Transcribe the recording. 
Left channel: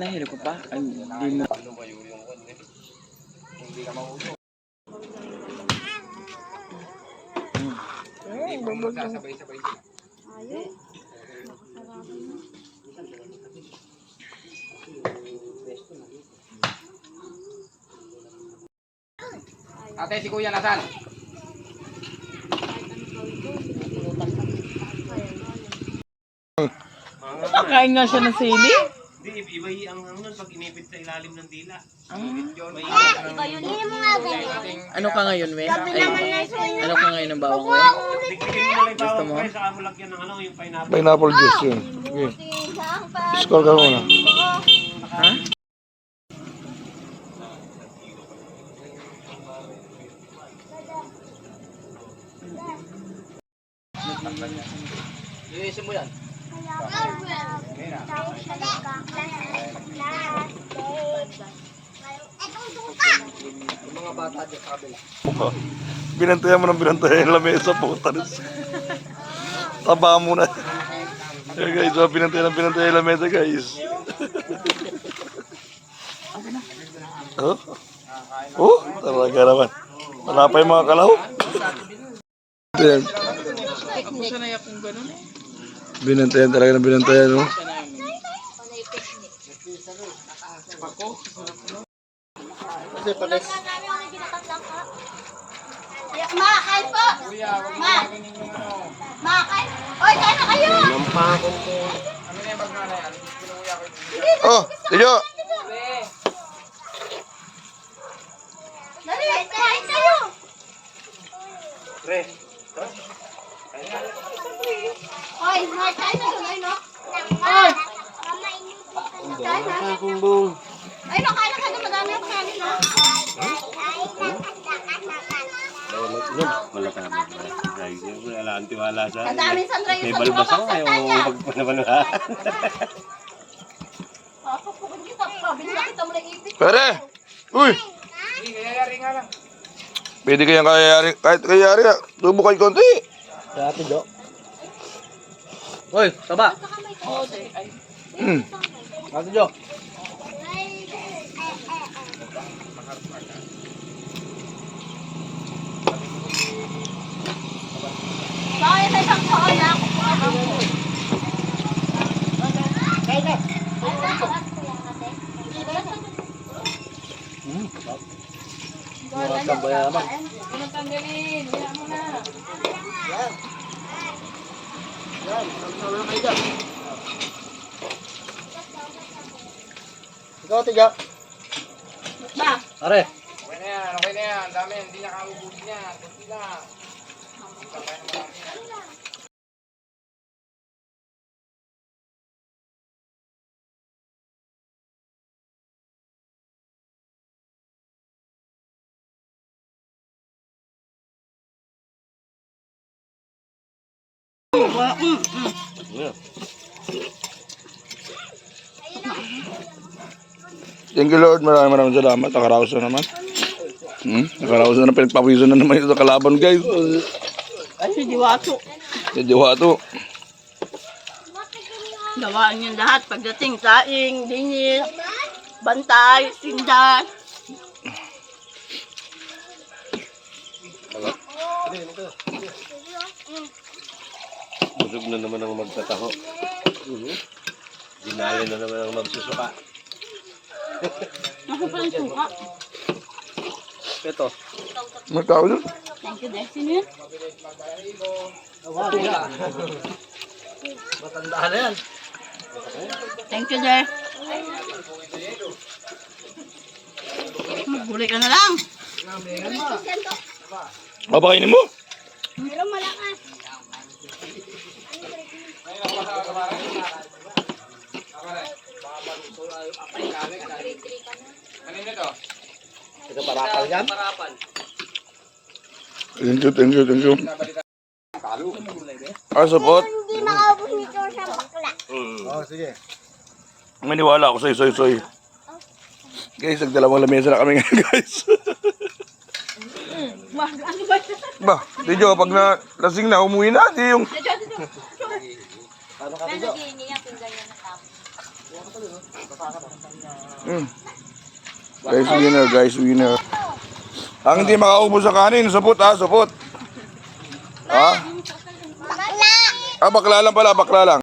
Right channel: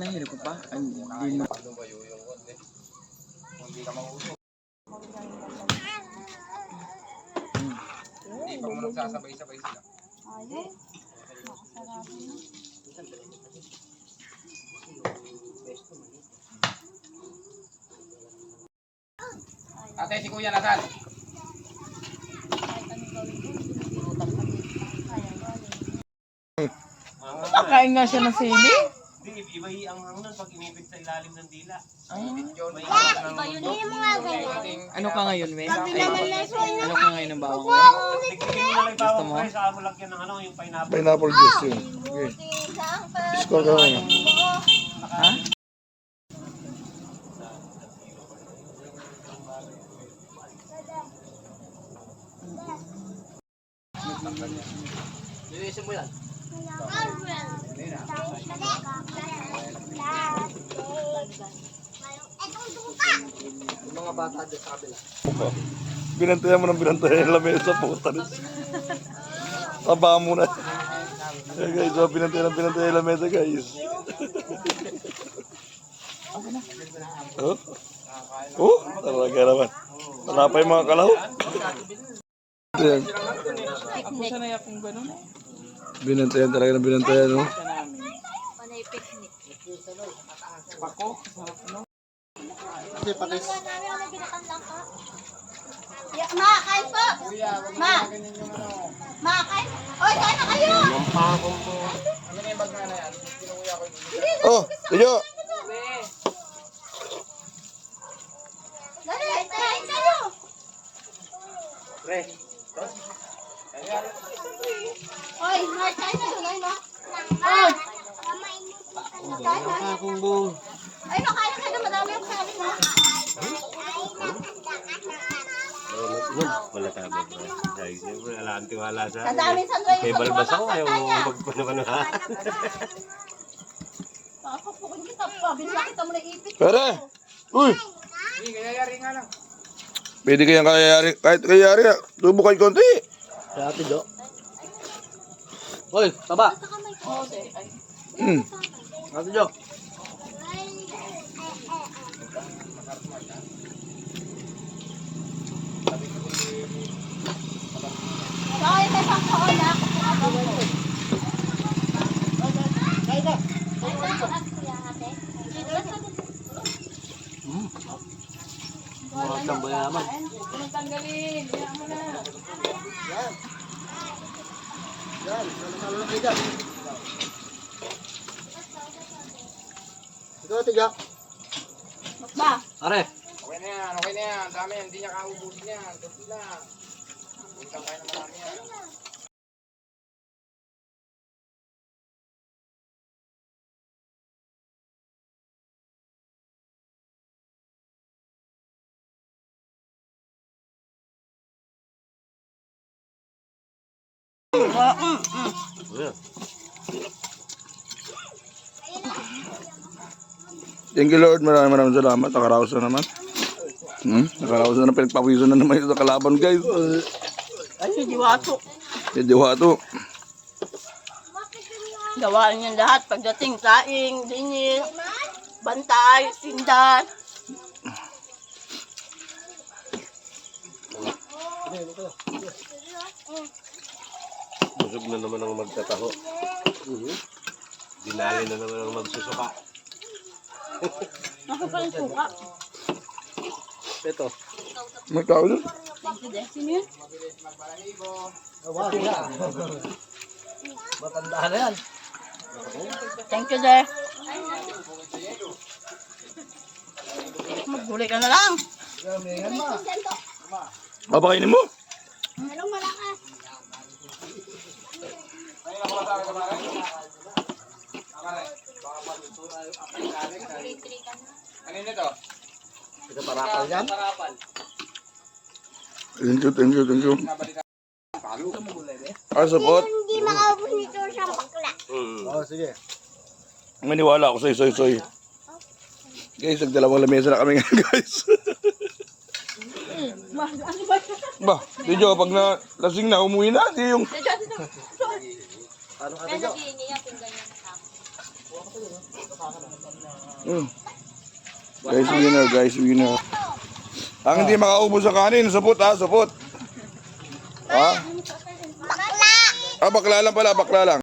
Nahilo ko pa. Hindi mo. Hindi ka mauso. Hindi pa mo nagsasabay-sabay sila. Ayaw. Nakasarado na. Ate, si Kuya nasaan? Kahit anong gawin ko, pinupulutan ka. Ayaw. Pakain nga siya ng sili. Hindi, iba ang nun pag inipit sa ilalim ng dila. May Ano ka ngayon, we? Ay, ano ka ngayon ng bawang, we? Dikdikin mo na lang yung Gusto bawang mo? pre, saka mo lagyan ng ano, yung pineapple. Pineapple juice yun. Okay. Score ka muna. Ha? Linisin mo yan. Yung mga bata dyan sa kabila. Binantayan mo ng binantayan yung lamesa po. Taba mo na. Okay guys, so binantayan yung lamesa guys. Oh? Oh, talaga naman. Wala pa yung mga kalaw. Binantayan. Ako sanay akong ganun eh. Binantayan talaga ng binantayan, no? Sa namin. Panay picnic. Pako. Sarap, no? Pinagyan namin ako ng ginatang ka. Ma, kain po! Ma! Ma, kain! Oy, kain na kayo! Ano na yung bag na yan? Pinuya ko Oh, Tiyo! Dali, kain kayo! Pre, Oy, Mark, kain na yun, ay no? Oy! Kain na. Ay no, kain na kayo, madami ang kain na. wala ka naman. Guys, wala ang tiwala sa Ang dami sa ngayon. may balbasang ayaw mo magpanabanuhan. Papapukin kita, pabili na kita mo na ipit. Pere! Uy! Hindi, kayayari nga lang. Pwede kayang kayayari. Kahit kayayari, tubo kayo konti. Sa ate, Jo. Hoy, taba. Ate, Jo. Bakit may isang kaon na? Kain na. Mga tambayaman. Unang tanggalin. Kaya mo na. Ikaw, Ate, Jo. Ma, Are. Okay na yan, okay na yan. Dami yan, hindi niya kaubusin yan. Kunti lang. Punta tayo na marami yan. Thank you Lord, maraming salamat. Nakaraos na naman. Nakaraos na pinagpawiso na naman ito sa kalaban guys. Ay, si Diwato. Si Diwato. Gawaan niya lahat. Pagdating, saing, linis, bantay, sindan. Busog na naman ang magtataho. Dinali na naman ang magsusuka. Masa pa yung suka. Ito. Magkao yun. Thank you, Destiny. Matanda na yan. Thank you, Der. Maghuli ka na lang. Papakainin mo. meron malakas. Ngayon ako masama ka pare. Akala. Kanina to? Ito parapal yan? Thank you, thank you, thank you. Talo. Support. Hindi makaubos nito sa bakla. Oo, sige. Maniwala ako sa'yo, soy. Guys, nagdalawang lamesa na kami ngayon, guys. Ano ba? Ba, Tiyo, pag lasing na, umuwi na. Di yung... Kaya naghihingi yan, kung ganyan na tao. Guys, winner. Ang hindi makaubos sa kanin, supot ha, supot. Ha? Bakla! Ah, bakla lang pala, bakla lang.